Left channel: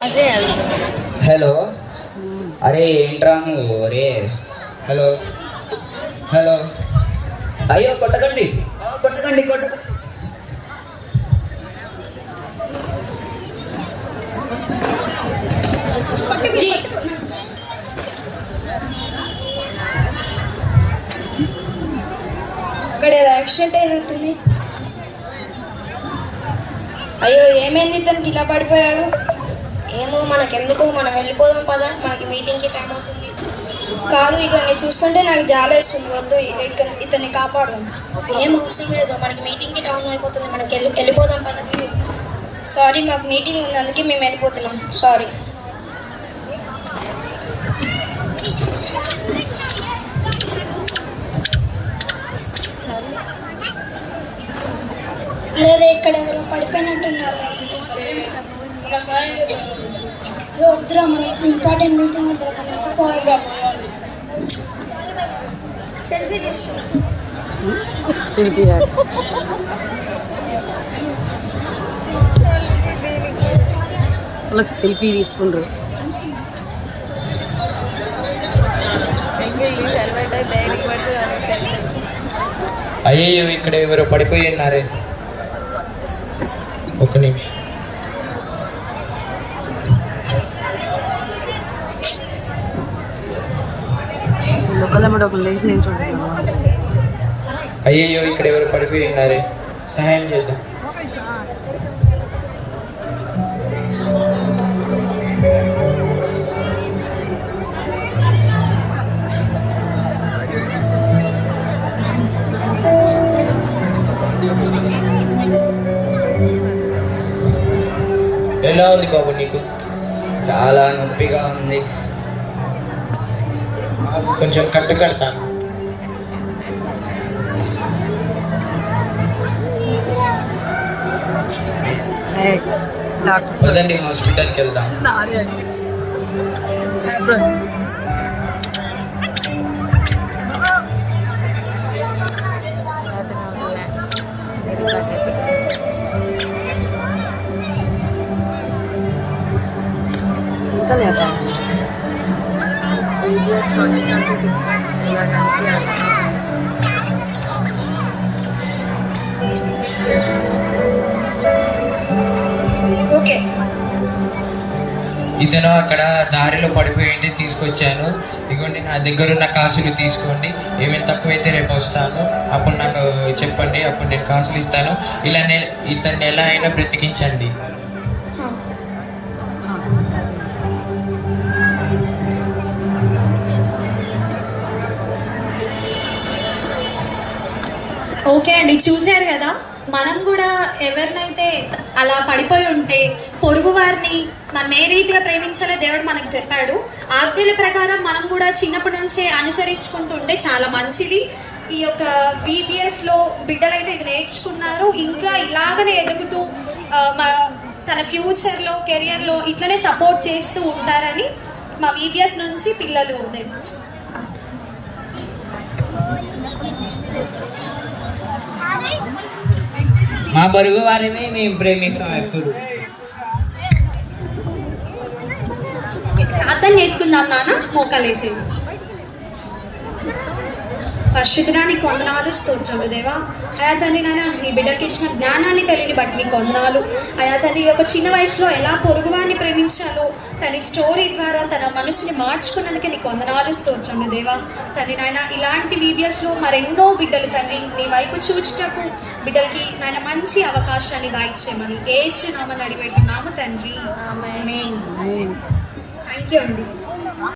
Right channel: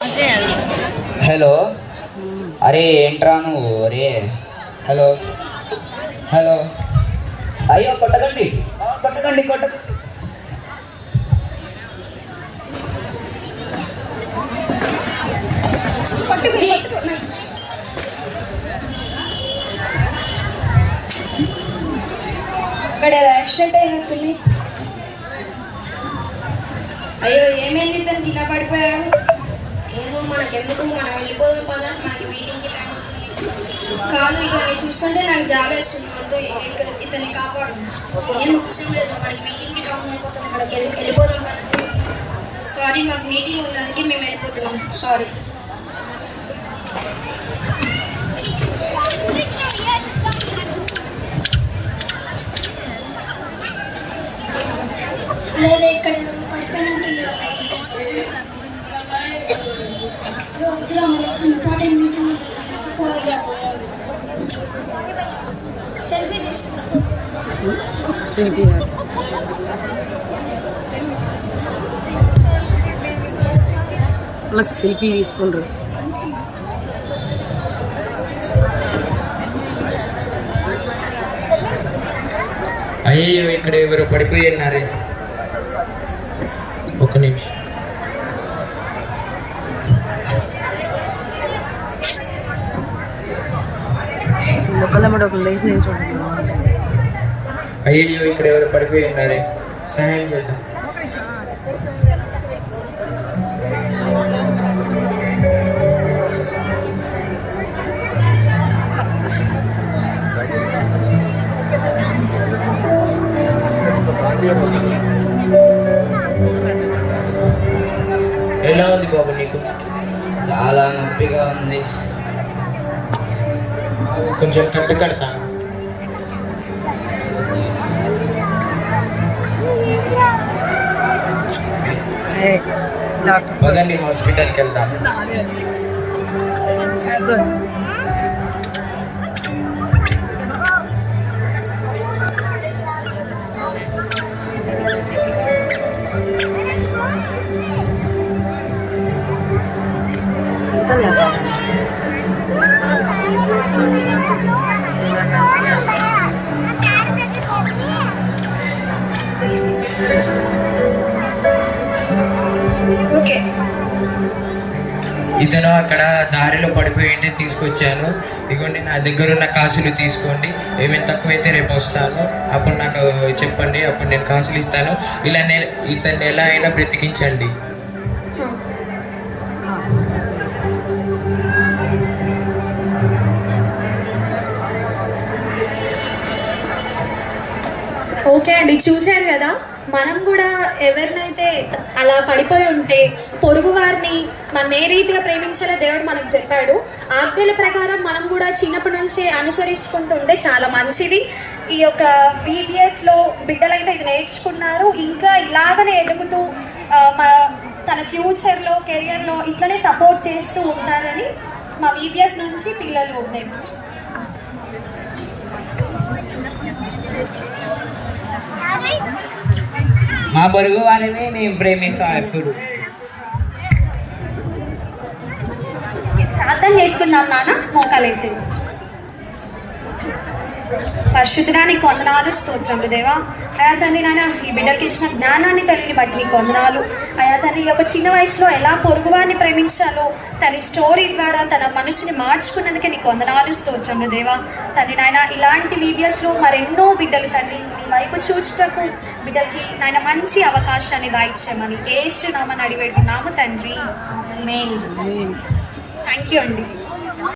Hello, అరే ఏంట్రా నువ్వు? అరే హలో హలో, అయ్యో కొట్టకండి కొట్టకండి కొట్టకండి. ఇక్కడ యాక్సిడెంట్ అయినట్టుంది. అయ్యో ఏమైంది? తనకి ఇలా పడిపోయాడు. ఏమో మనకెందుకు, మనం వెళ్ళిపోదాం పదా, మనకి మీటింగ్కి టైం అవుతుంది. కాదు, ఇతన్ని చూస్తుంటే నాకు జాలేస్తుంది. వద్దు, ఇతన్ని కాపాడదాం. ఏం అవసరం లేదు, మనకి మీటింగ్కి టైం అయిపోతుంది, మనకి వెళ్ళిపోదాం పదా. సారీ, మాకు మీటింగ్ ఉంది, అందుకే మేము వెళ్ళిపోతున్నాం. సారీ. అదే ఇక్కడ ఎవరు పడిపోయినట్టున్నారు. వద్దురా, మనకి ఇంపార్టెంట్ మీటింగ్ పోయి సెల్ఫీ వాళ్ళకి సెల్ఫీ తీసుకుంటారు. అయ్యో ఇక్కడ ఎవరు పడిపోయి ఉన్నారే. ఒక్క నిమిషం. ఒకళ్ళ ఒకళ్ళు లేచి నిల్చుంటున్నారు. అయ్యో ఇక్కడ ఎవరు పడిపోయి ఉన్నారే, సహాయం చేద్దాం. ఎలా ఉంది బాబు నీకు? చాలా నొప్పిగా ఉంది, కొంచెం కట్టు కడతాను. పదండి హాస్పిటల్కి వెళ్దాం. ఇంకా లేదా 2026 ఇతను అక్కడ దారిలో పడిపోయి తీసుకొచ్చాను. ఇదిగోండి, నా దగ్గర ఉన్న కాసులు తీసుకోండి. ఏమైనా తక్కువైతే రేపు వస్తాను, అప్పుడు నాకు చెప్పండి, అప్పుడు నేను కాసులు ఇస్తాను. ఇలా ఇతన్ని ఎలా అయినా బ్రతికించండి. ఓకే అండి, చూశారు కదా. మనం కూడా ఎవరినైతే అలా పడిపోయి ఉంటే పొరుగు వారిని మనం ఏ రీతిగా ప్రేమించాలో దేవుడు మనకు చెప్పాడు. ఆజ్ఞల ప్రకారం మనం కూడా చిన్నప్పటి నుంచి అనుసరించుకుంటుంటే చాలా మంచిది. ఈ యొక్క VBSలో బిడ్డలైతే ఇది నేర్చుకున్నారు. ఇంకా ఇలాగనే ఎదుగుతూ తన ఫ్యూచర్లో కెరియర్లో ఇట్లనే సపోర్ట్ చేస్తూ ఉంటారని మా VBS నుంచి పిల్లలు నేర్పించారు. మా పొరుగు వారిని నేను ప్రేమిస్తాను ఎప్పుడు. అర్థం చేసుకుందాం నాన్న, మోకాలేసేది. పరిశుద్ధుడా, నీకు వందనాలు, స్తోత్రములు దేవా. అయా తండ్రి, నాన్న ఈ బిడ్డలకి ఇచ్చిన జ్ఞానాన్ని తల్లిని బట్టి నీకు వందనాలు. అయా తండ్రి, ఒక చిన్న వయసులో ఎలా పొరుగువారిని ప్రేమించాలో తన స్టోరీ ద్వారా తన మనసుని మార్చుకున్నందుకే నీకు వందనాలు, స్తోత్రములు దేవా. తండ్రి నాయన, ఇలాంటి VBSలో మరెన్నో బిడ్డలు తండ్రి నీ వైపు చూచుటకు బిడ్డలకి నాయన మంచి అవకాశాన్ని దాయిచ్చామని యేసు నామమున అడిగి వేడుకున్నాము తండ్రి. ఆమేన్. థ్యాంక్ యూ అండి.